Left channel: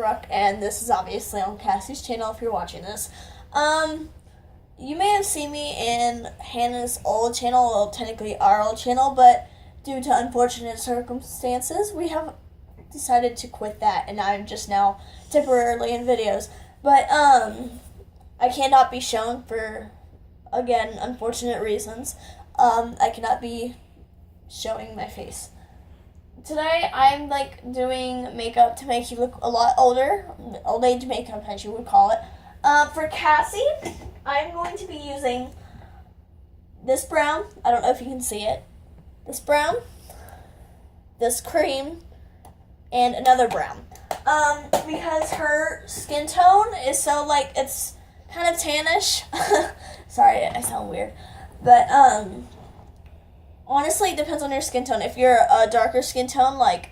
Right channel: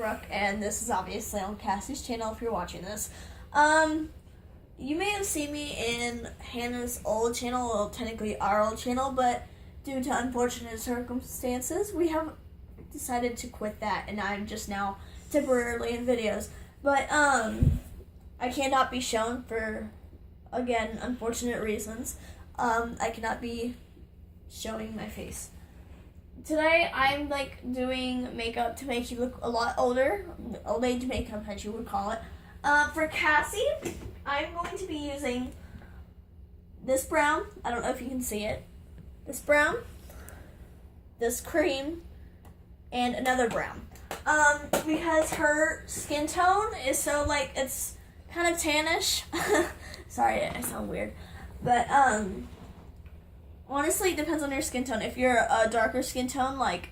Brooke, and this is obviously on Cassie's channel if you're watching this. You may have seen me in Hannah's old channel, well, technically our old channel, but due to unfortunate circumstances, we have decided to quit that, and I'm just now temporarily in videos. But, I cannot be shown for, again, unfortunate reasons. I cannot be showing my face. Today, I'm, doing makeup to make you look a lot older. Old age makeup, as you would call it. For Cassie, I'm going to be using this brown. I don't know if you can see it. This brown, this cream, and another brown. Because her skin tone is so, it's kind of tannish. Sorry, I sound weird. But, honestly, it depends on your skin tone. If you're a darker skin tone, like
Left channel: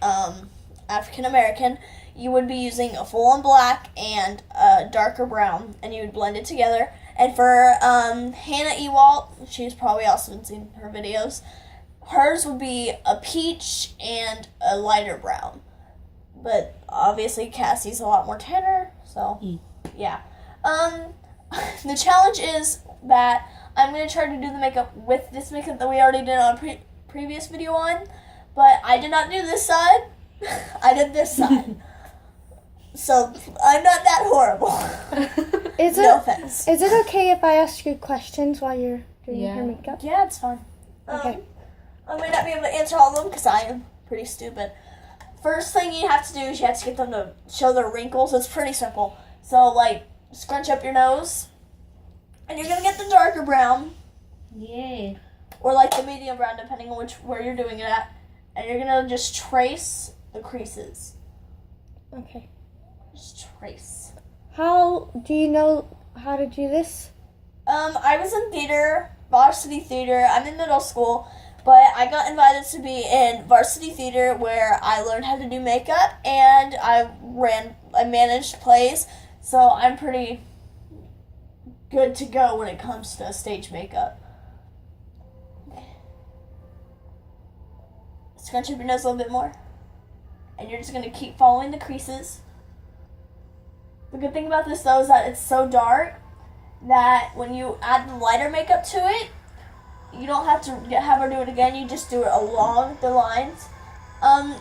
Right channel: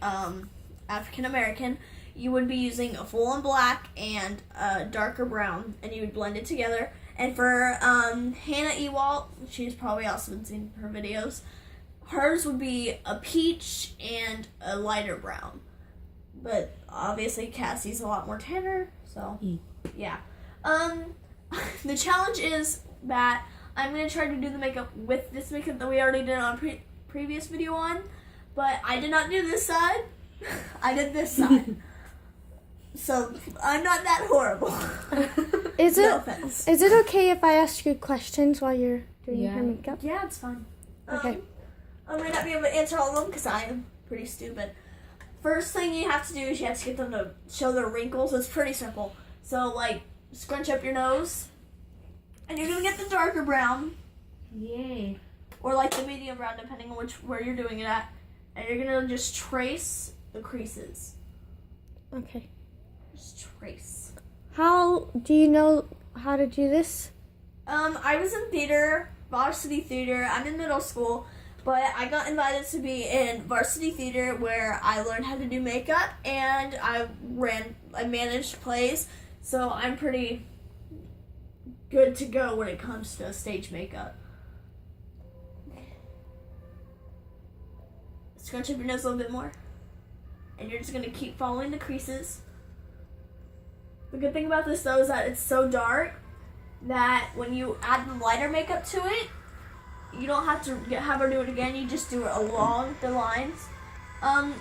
African American, you would be using a full-on black and a darker brown, and you would blend it together. And for Hannah Ewalt, she's probably also seen her videos, hers would be a peach and a lighter brown. But obviously Cassie's a lot more tanner, so yeah. The challenge is that I'm going to try to do the makeup with this makeup that we already did on previous video on, but I did not do this side. I did this side. So I'm not that horrible. No offense. Is it okay if I ask you questions while you're doing your makeup? Yeah, it's fun. Okay. I may not be able to answer all of them because I am pretty stupid. First thing you have to do is you have to get them to show their wrinkles. It's pretty simple. So, scrunch up your nose. And you're going to get the darker brown. Yay. Or, the medium brown, depending on where you're doing it at. And you're going to just trace the creases. Okay. Just trace. How do you know how to do this? I was in theater, varsity theater. I'm in middle school. But I got invited to be in varsity theater where I learned how to do makeup, and I managed plays, so I'm pretty good to go when it comes to stage makeup. Scrunch up your nose a little bit more, and you're just going to keep following the creases. The good thing about this, though, is that it's so dark that when you add the lighter makeup to it, you don't have to have her do it again. You just do it along the lines.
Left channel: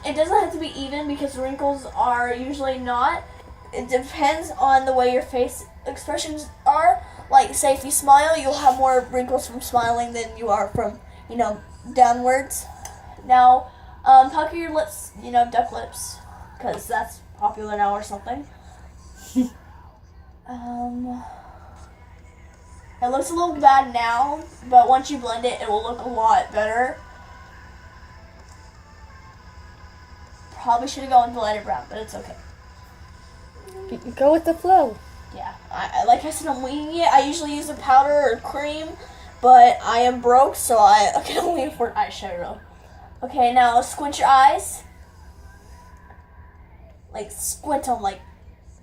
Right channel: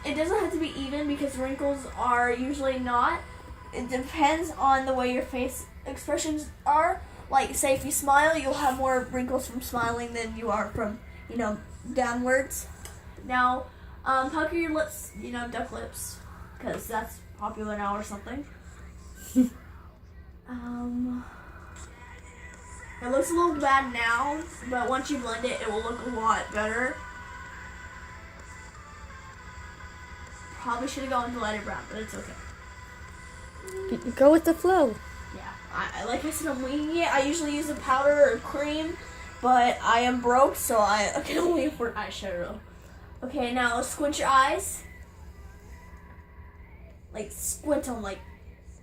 It doesn't have to be even because wrinkles are usually not. It depends on the way your face expressions are. Say if you smile, you'll have more wrinkles from smiling than you are from, downwards. Now, pucker your lips, duck lips, because that's popular now or something. It looks a little bad now, but once you blend it, it will look a lot better. Probably should have gone with the lighter brown, but it's okay. Go with the flow. Yeah, like I said, I'm winging it. I usually use a powder or cream, but I am broke, so I can only afford eyeshadow. Okay, now squint your eyes. Squint them,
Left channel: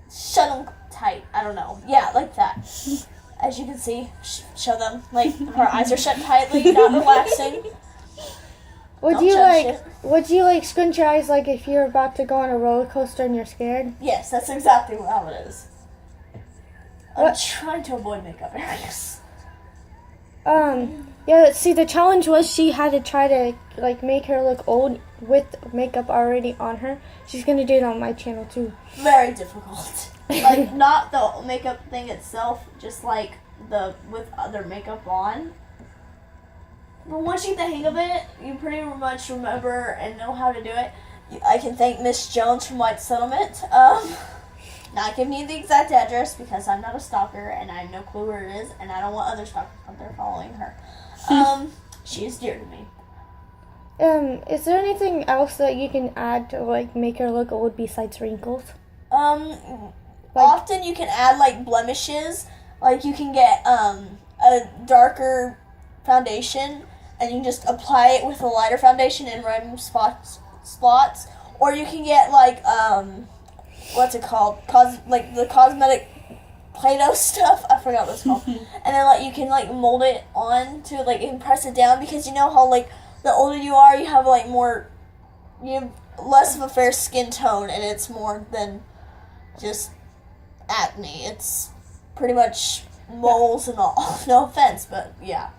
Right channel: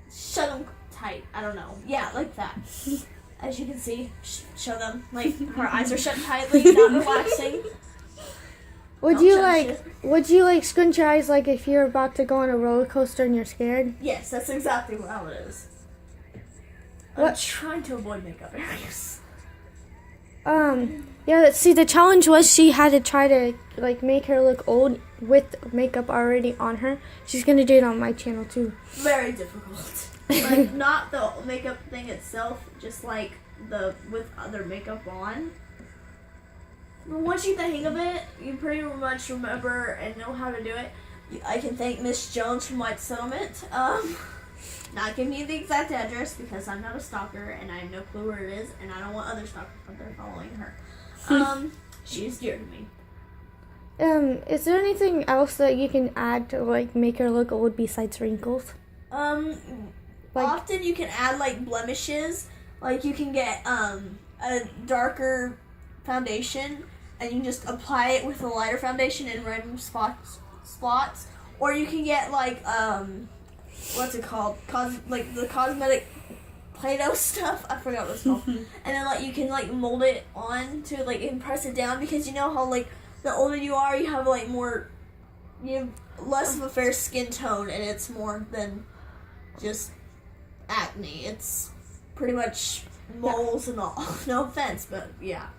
shut them tight. I don't know. Yeah, like that. As you can see, show them, her eyes are shut tightly, not relaxing. Would you scrunch your eyes if you're about to go on a roller coaster and you're scared? Yes, that's exactly how it is. I'm trying to avoid makeup areas. Yeah, see, the challenge was she had to try to, make her look old with makeup already on her. She's going to do it on my channel, too. Very difficult. Not the makeup thing itself, just, with other makeup on. But once you get the hang of it, you pretty much remember and know how to do it. I can thank Miss Jones from White Settlement. Not giving you the exact address because I'm not a stalker and I have no clue where it is, and I don't want other stalkers out there following her. She is dear to me. Is there anything else that you can add to make her look old besides wrinkles? Often you can add blemishes. You can get a darker foundation and you just apply it with a lighter foundation in random spots. Or you can get what's it called? The cosmetic Play-Doh stuff. I forgot what it's called. And then you can mold it on to and press it down, because you know how the older you are, you have more, you have less of a fair skin tone, and it's more than just acne. It's pretty much moles and all. No offense, but yeah.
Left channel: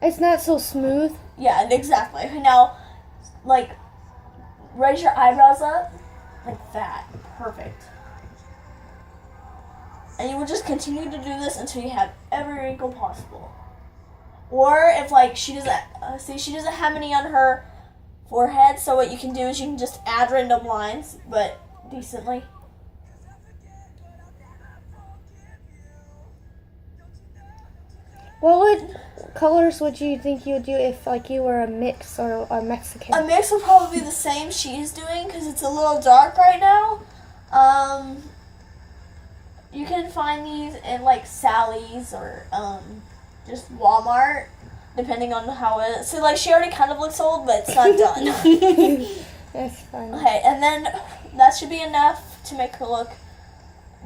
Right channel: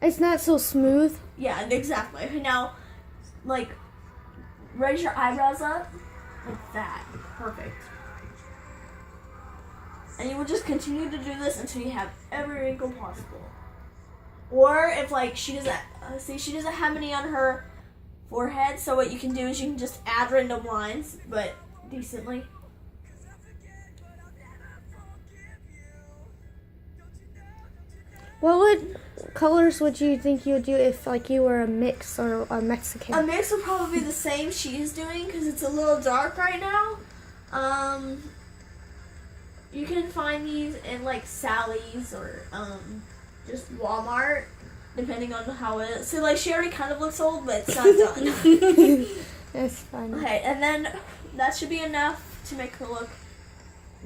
It's not so smooth. Yeah, exactly. Now, like, raise your eyebrows up like that. Perfect. And you will just continue to do this until you have every wrinkle possible. Or if, like, she doesn't have any on her forehead, so what you can do is you can just add random lines, but decently. What colors would you think you would do if, like, you were a mix or a Mexican? A mix would probably be the same she's doing because it's a little dark right now. You can find these in like Sally's or just Walmart, depending on how it is. So like she already kind of looks old, but it's not done. That's fun. Okay, and then that should be enough to make her look,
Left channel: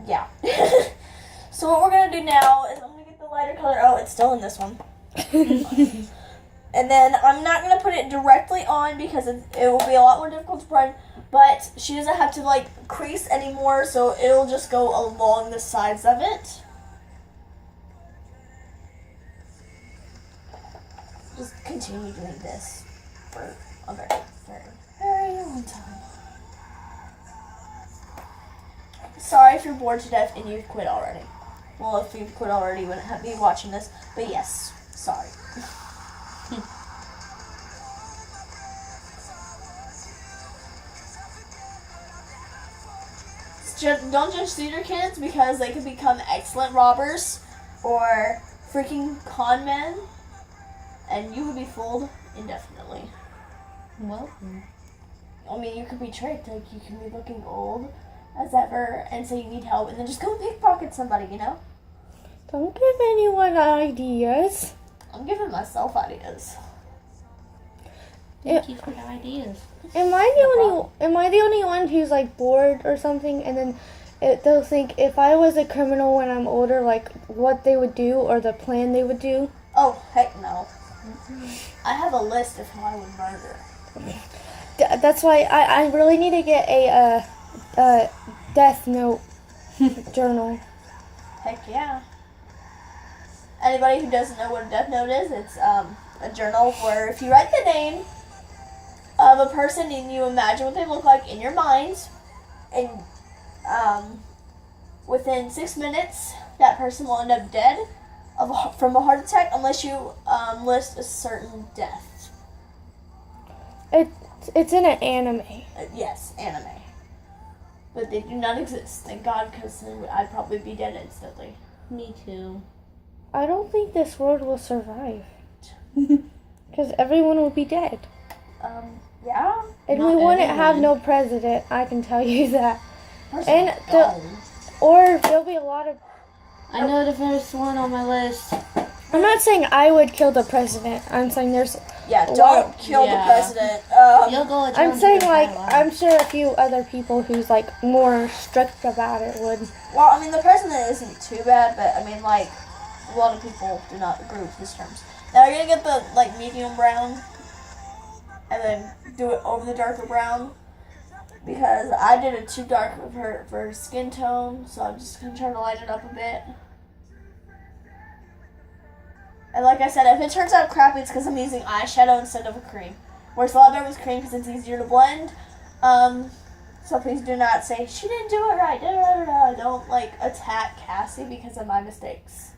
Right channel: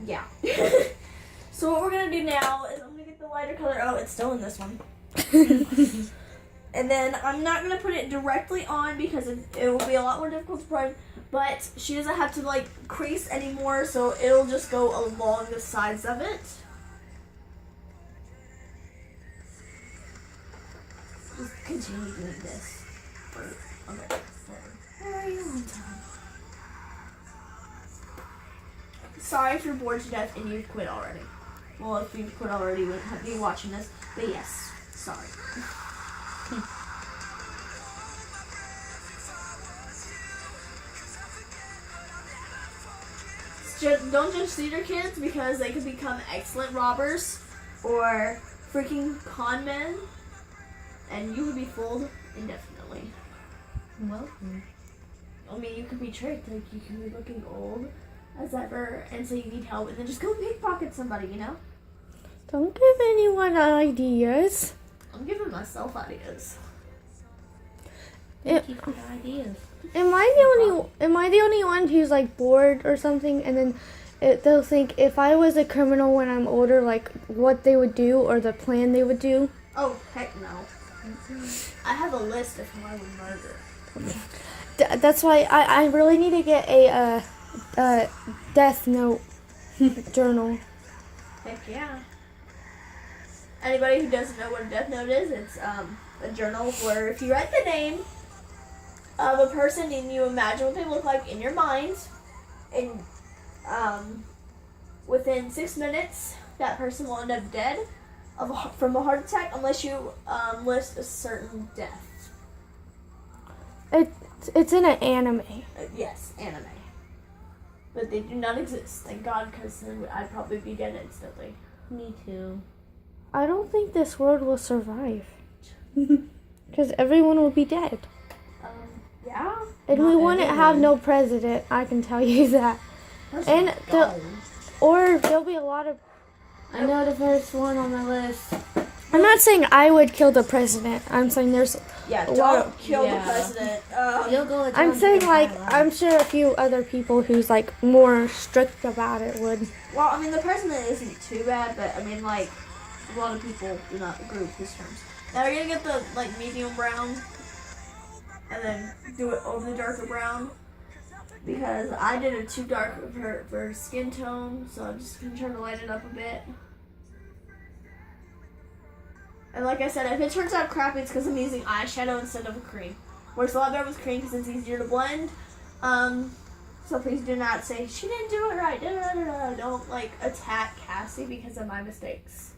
yeah. So what we're gonna do now is I'm gonna get the lighter color. Oh, it's still in this one. And then I'm not going to put it directly on because it will be a lot more difficult to prime, but she doesn't have to like crease anymore, so it'll just go along the sides of it. Just continue doing this for a very long time. Sorry if you're bored to death and you've quit already. Well, if you've quit already, you wouldn't have to be watching this, but yes, sorry. Don't judge theater kids because they could become excellent robbers or freaking con men, and you would be fooled indefinitely. Well, I mean, you could be tricked. Like, you can be looking old as ever and say you need help and then just go pickpocket somebody, you know? Don't give anyone ideas. I'm giving myself ideas. thank you for the ideas. Am I the only one who's like bored or something, and then they'll think if I was a criminal when I'm older, like what they would do or the plan they would do? Oh, heck no. I have a list of who I would murder. That's why I really need to get a death note journal. Heck yeah. Anybody who doesn't know what a death note is, it's a journal where if you write the name of a person and you imagine what they look like in your mind, and within 6 minutes, that person will end up dead from a heart attack unless you list a certain death. It's in an anime. Yes, anime. But they do not exist, thank God, because then I'd probably be dead instantly. Me too. I don't think this world will survive. Because everyone will be dead. Yeah? And Not we wouldn't everyone. have no president, I can tell you that. Person And gone. or there'll be a lot of... I know the first one on my list. I'm not saying I would kill the president. I'm saying there's... Yeah, a lot don't of- kill Yeah. the president. You'll go. I'm saying, like, I'm sure a few other people who's, like, more strict about it would. Well, I mean, the president isn't too bad, but, I mean, like, a lot of people do not agree with his terms. Now, we're going to get the, like, medium brown, and then do it over the darker brown, because I did it too dark of her for her skin tone, so I'm just going to try to lighten it up a bit. And like I said, if it turns out crappy, it's because I'm using eyeshadow instead of a cream. Works a lot better with cream because it's easier to blend. So please do not say, she didn't do it right, Don't, like, attack Cassie because of my mistakes.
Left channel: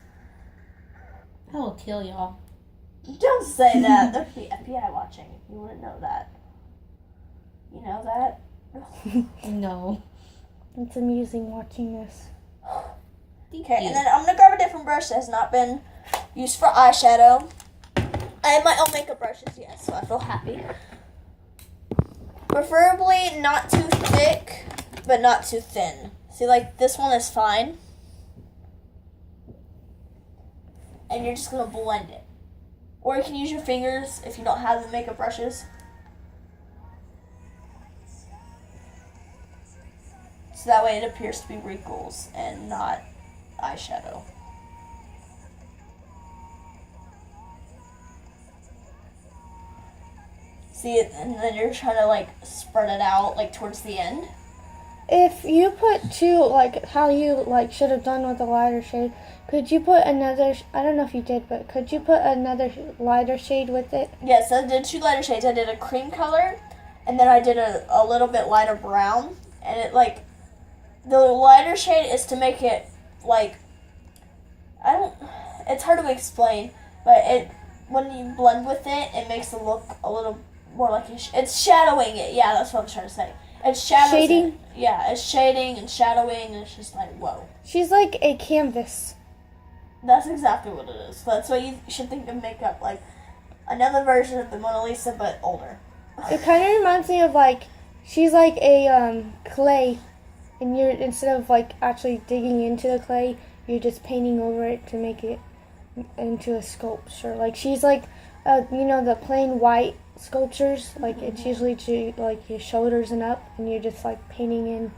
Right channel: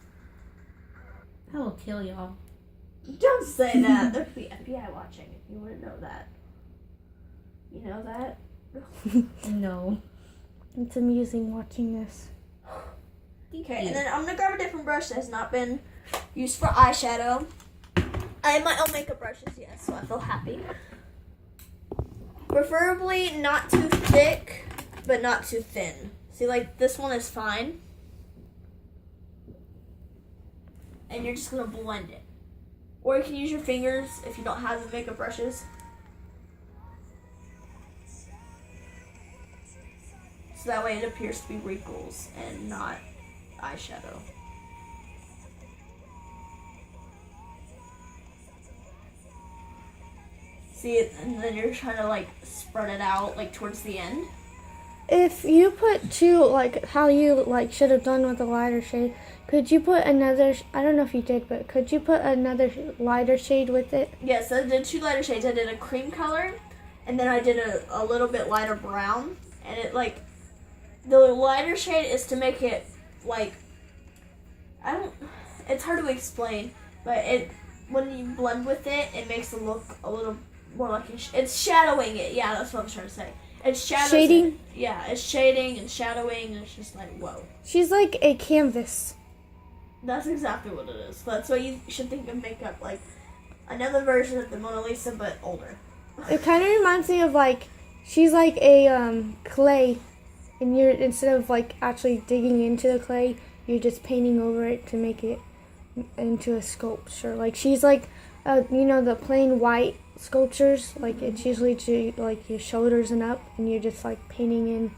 I will kill y'all. Don't say that. There'd be FBI watching. You wouldn't know that. You know that? No. It's amusing watching this. Okay, and then I'm going to grab a different brush that has not been used for eyeshadow. I have my own makeup brushes, yes, so I feel happy. Preferably not too thick, but not too thin. See, like, this one is fine. And you're just going to blend it. Or you can use your fingers if you don't have the makeup brushes. So that way it appears to be wrinkles and not eyeshadow. See it, and then you're trying to like spread it out like towards the end. if you put two, like how you like should have done with the lighter shade, could you put another? I don't know if you did, but could you put another lighter shade with it? Yes, I did 2 lighter shades. I did a cream color, and then I did a little bit lighter brown. And it like, the lighter shade is to make it like, it's hard to explain, but when you blend with it, it makes it look a little more like it's shadowing it. Yeah, that's what I'm trying to say. It's Shading? Yeah, it's shading and shadowing, and it's just like, whoa. She's like a canvas. That's exactly what it is. That's what you should think of makeup, like another version of the Mona Lisa, but older. It kind of reminds me of like, she's like a clay, and you're, instead of like actually digging into the clay, you're just painting over it to make it into a sculpture. Like she's like, you know, the plain white sculptures, like it's usually to like your shoulders and up, and you're just like painting in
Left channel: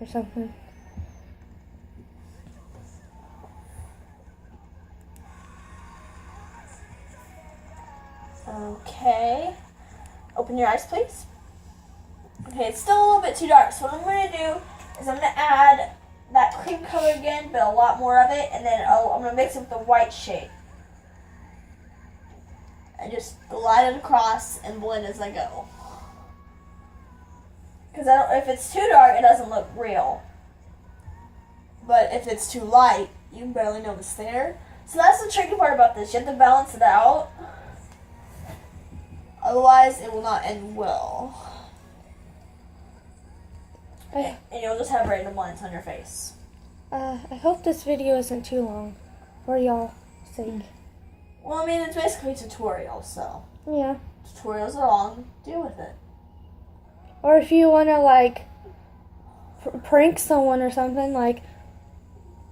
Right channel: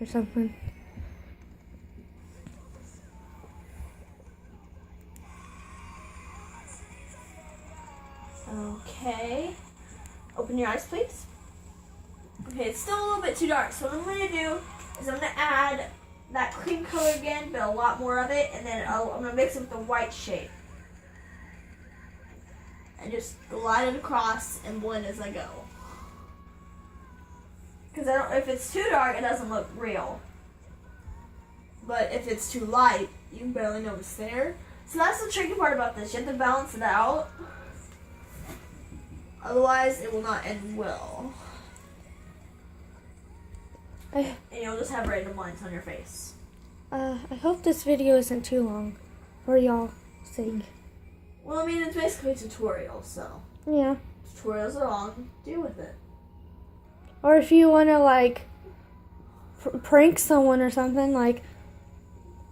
or something. Okay. Open your eyes, please. Okay, it's still a little bit too dark, so what I'm going to do is I'm going to add that cream color again, but a lot more of it, and then I'm going to mix it with the white shade. And just glide it across and blend as I go. Because if it's too dark, it doesn't look real. But if it's too light, you can barely know it's there. So that's the tricky part about this. You have to balance it out. Otherwise, it will not end well. And you'll just have random lines on your face. I hope this video isn't too long for y'all's sake. Well, I mean, it's basically a tutorial, so. Yeah. Tutorials are long. Deal with it. Or if you want to, like, prank someone or something, like,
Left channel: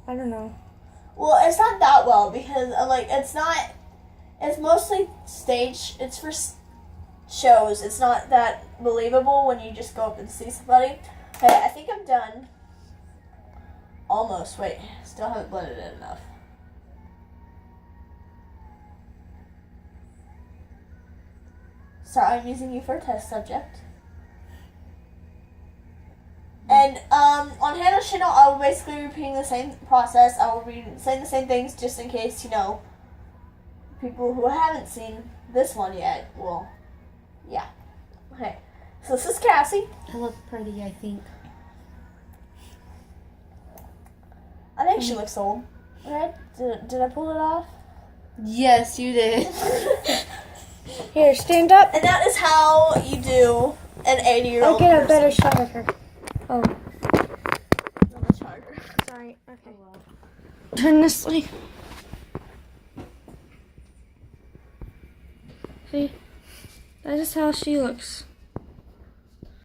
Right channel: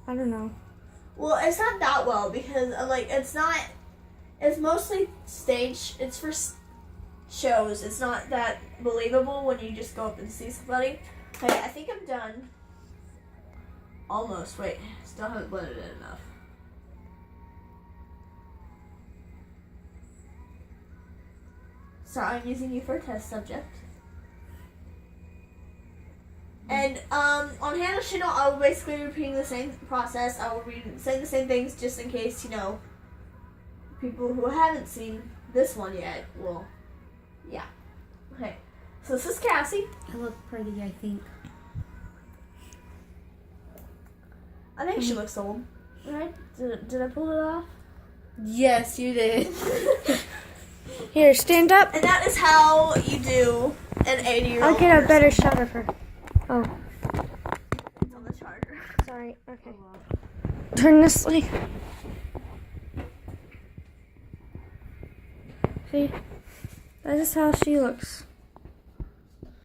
I don't know. Well, it's not that well because, like, it's mostly stage. It's for shows. It's not that believable when you just go up and see somebody. Okay, I think I'm done. Almost. Wait, still haven't blended it enough. Sorry, I'm using you for a test subject. And on Hannah's channel, I will basically be repeating the same process. I will be saying the same things just in case, you know, people who haven't seen this one yet will, yeah. Okay, so this is Cassie. I look pretty, I think. I think she looks old. Right? Did I pull it off? Yes, you did. Here, stand up. And that is how you do an 80-year-old I'll get a better shot of her. Oh, on the charger. sorry. Okay. Turn this way. See? That is how she looks.